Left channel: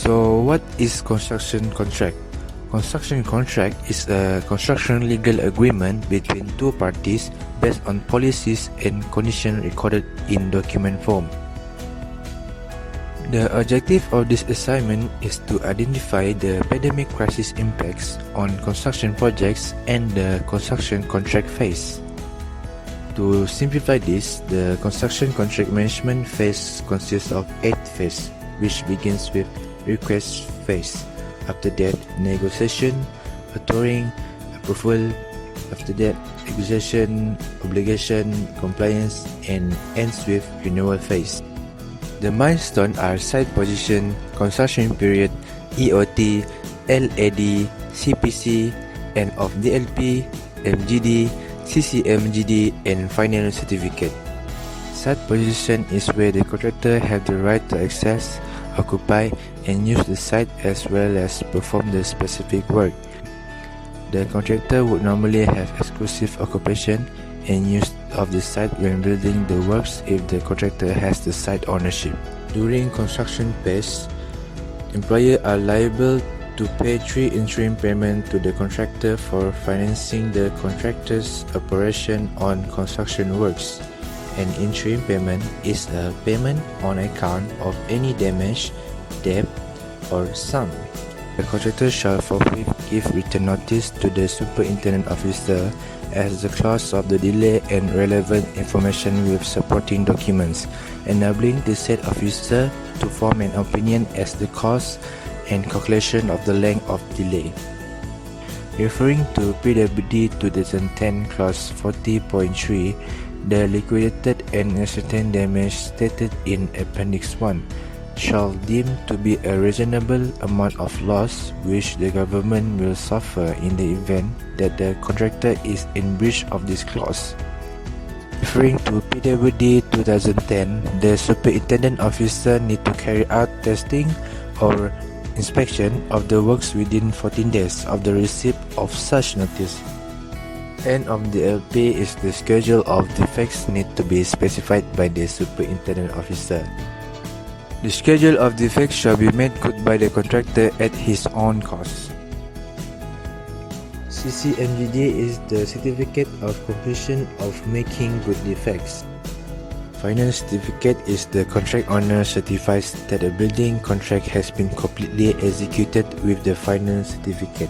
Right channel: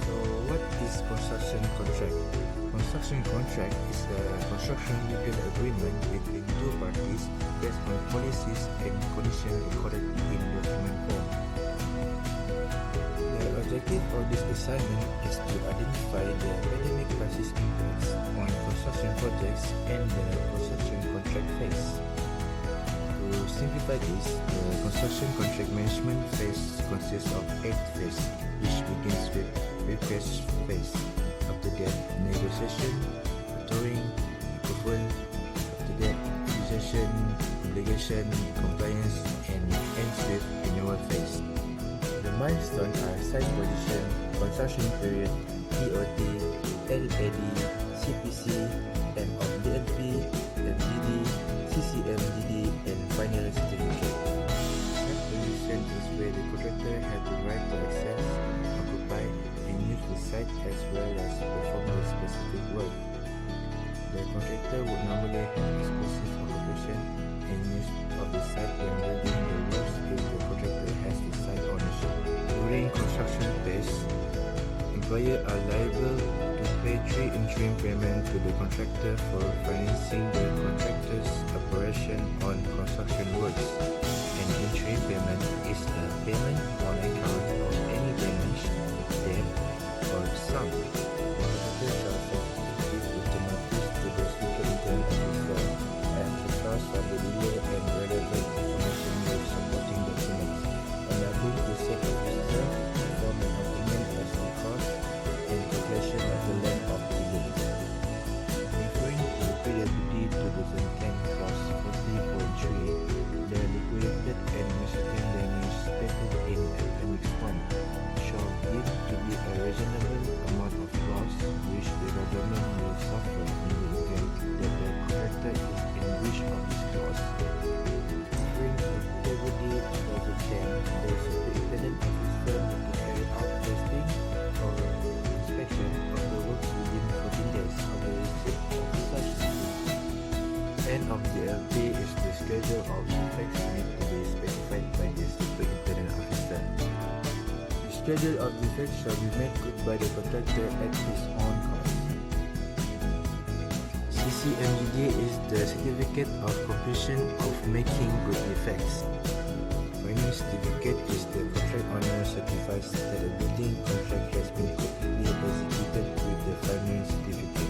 So what is construction contract? Construction contract is a construction legal agreement between two parties based on policies and conditions recorded in document form. The objective of this assignment is to identify the pandemic crisis impacts on construction projects and the construction contract phase. To simplify this, the construction contract management phase consists of 8 phases, which begins with request phase. After that, negotiation, authoring, approval. After that, execution, obligation, compliance, and ends with renewal phase. The milestones are site position, construction period, EOT, LAD, CPC, end of DLP, MGD, CCMGD, and final certificate. Site position is where the contractor have the right to access, occupy, and use the site as well as perform the specific work. The contractor would normally have exclusive occupation and use of the site when building the works if the contractor has the site ownership. During construction phase, employers are liable to pay 3 interim payments to the contractor for financing the contractor's operation on construction works. An interim payment is a payment on account of any damage, debt, or sum. The contractor shall forthwith give written notice to the superintendent officer as the cause of the delay and relevant information with supporting documents, enabling the said officer to form an opinion as the cause and calculation of the length of delay. Referring to PWD 2010 clause 40.3, the liquidated and ascertained damage stated in Appendix 1 shall deem to be a reasonable amount of loss which the government will suffer in the event that the contractor is in breach of this clause. Referring to PWD 2010, the superintendent officer need to carry out testing or inspection of the works within 14 days of the receipt of such notice. End of the LP is the schedule of defects need to be specified by the superintendent officer. The schedule of defects shall be made good by the contractor at his own cost. CCMGD is the certificate of completion of making good defects. Final certificate is the contract owner certifies that a building contract has been completely executed with the final certificate.